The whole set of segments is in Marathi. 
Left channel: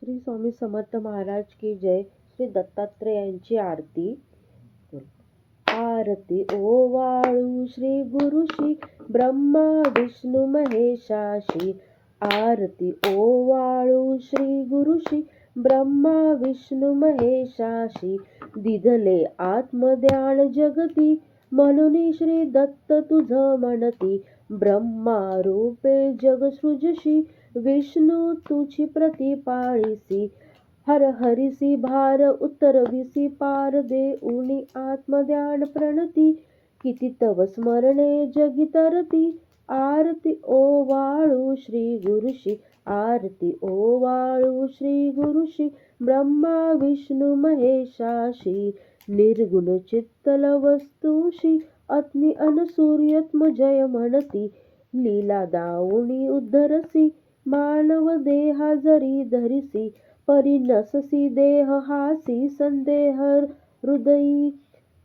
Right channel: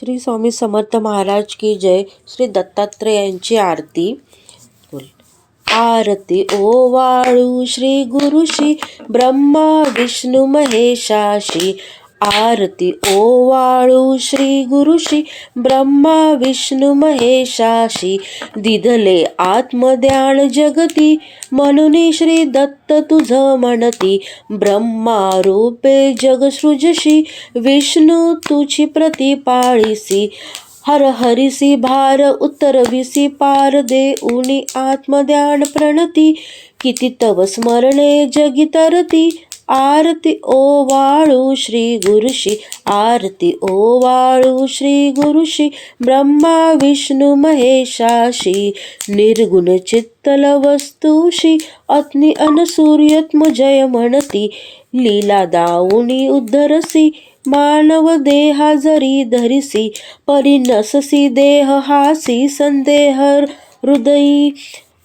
श्री स्वामी समर्थ महाराज की जय. श्री दत्तात्रेयांची आरती. आरती ओवाळू श्री गुरुशी ब्रह्मा विष्णू महेशाशी. आरती ओवाळू श्री गुरुशी ब्रह्मा विष्णू महेशाशी. दिधले आत्मध्यान जगती म्हणून श्री दत्त तुझ म्हणती. ब्रह्मा रूपे जग सृजशी विष्णू तुझी प्रतिपाळीसी. हर हरिसी भार उतरविसी पार देऊनी आत्मध्यान प्रणती. किती तव स्मरणे जगी तरती. आरती ओवाळू श्री गुरुशी. आरती ओवाळू श्री गुरुशी ब्रह्मा विष्णू महेशाशी. निर्गुण चित्तल वस्तुशी अग्नी अनसूर्यत्म जय म्हणती. लीला दाऊनी उद्धरसी मानव देहा जरी धरिसी. परिनससी देह हासी संदेह हृदयी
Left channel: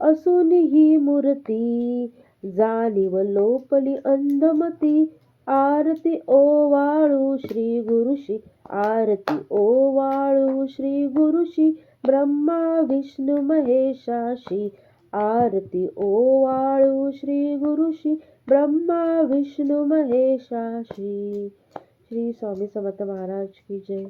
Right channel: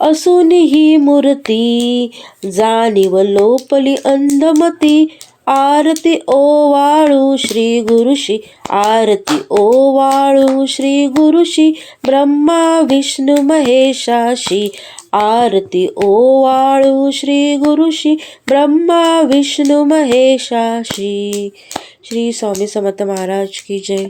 असून ही मूर्ती. जाणीव लोपली अंधमती. आरती ओवाळू श्री गुरुशी. आरती ओवाळू श्री गुरुशी ब्रह्मा विष्णू महेशाशी. आरती ओवाळू श्री गुरुशी ब्रह्मा विष्णू महेशाशी. श्री स्वामी समर्थ महाराज की जय.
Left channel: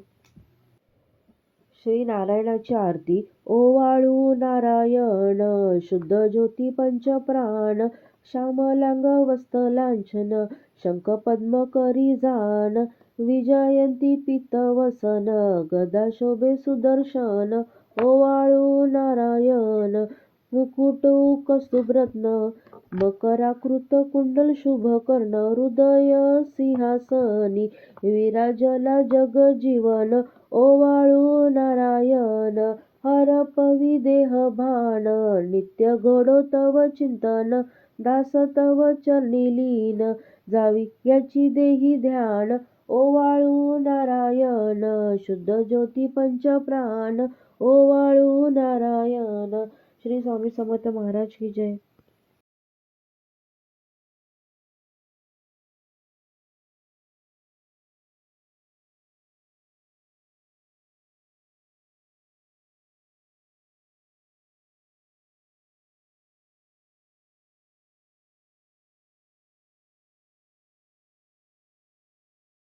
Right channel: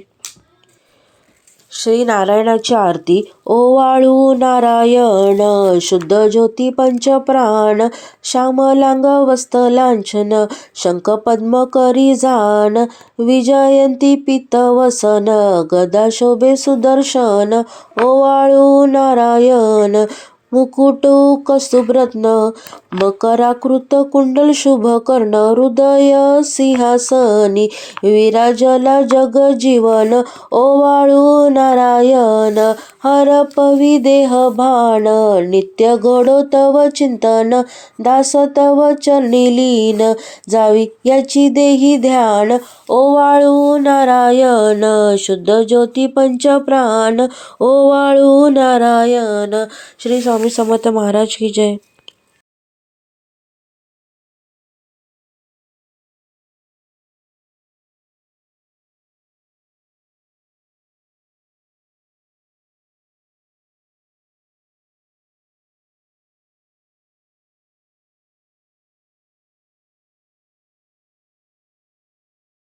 श्री नारायणाची आरती. ओवाळू नारायण शुद्ध ज्योती पंचप्राण. श्यामलांग वस्तलांछन शंख पद्म करी जान. विजयंती पीतवसन गदा शोभे सुदर्शन. ओवाळू नारायण मुकुट कस्तुभरत्न मकराकृत कुंडल शुभ कर्ण. हृदय सिंहासनी विराजला जगजीवन. ओवाळू नारायण हरपवी देह भान. नित्य घडो तव चिंतन दास तव चरणी लीन. जावी याची देही ध्यान. ओवाळू नारायण शुद्ध ज्योती पंचप्राण. ओवाळू नारायण. श्री स्वामी समर्थ महाराज की जय.